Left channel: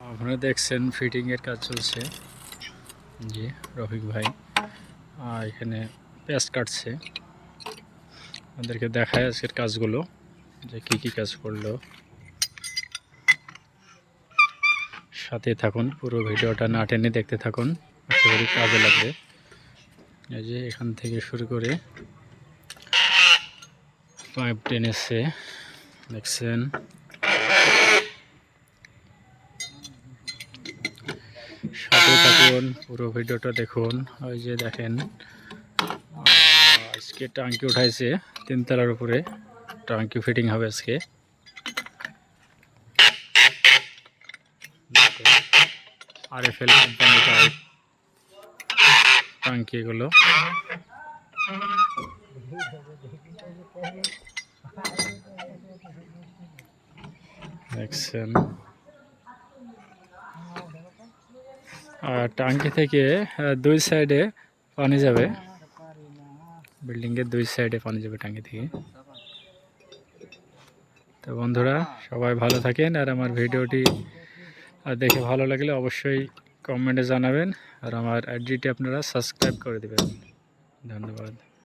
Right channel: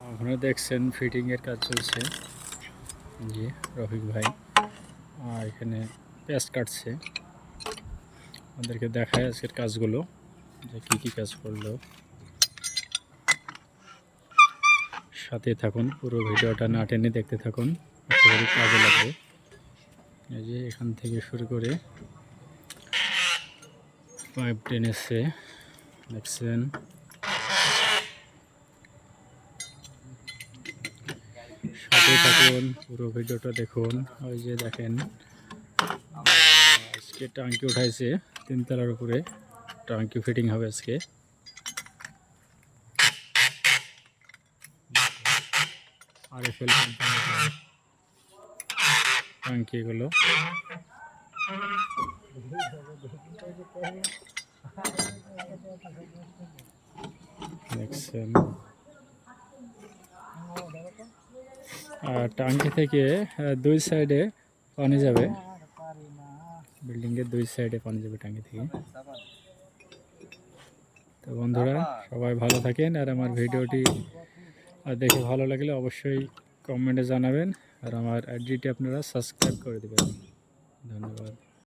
আপনারা দেখছেন ফিটিং এর কাজ চলছে। জি রফিক ভাই এখানে পেঁয়াজ কাটছে। আমাদেরকে দেখায় আজকের কাজগুলো যে কি কাজ করলো। সাথে থাকুন, পুরো ভিডিওটা না টেনে দেখতে থাকুন, আশা করি কাজে লাগবে। এই যে এখান থেকে শুরু করে পাইপ টেনেছে, দেখছেন। সাথে থাকুন, পুরো ভিডিওটা দেখুন। ওই যে দেখেন আজকে টাঙ্কি উঠাইছে 3 তলার উপরে, টাঙ্কি ফিটিং হবে আজকে। আরএফএল কোম্পানি পাইপ টাঙ্কি এগুলো। দেখছেন টাঙ্কি থেকে 2 সাইডে পানি যাবে, বিল্ডিংয়ের 2 সাইডে পানি যাবে টাঙ্কি থেকে। তো বন্ধুরা সবাই ভালো থাকেন, আর আমার ভিডিওটি দেখে ভালো লাগলে অবশ্যই কমেন্টে জানাবেন, আর আমার আইডিটি আপনারা সাবস্ক্রাইব করে দেবেন। ধন্যবাদ।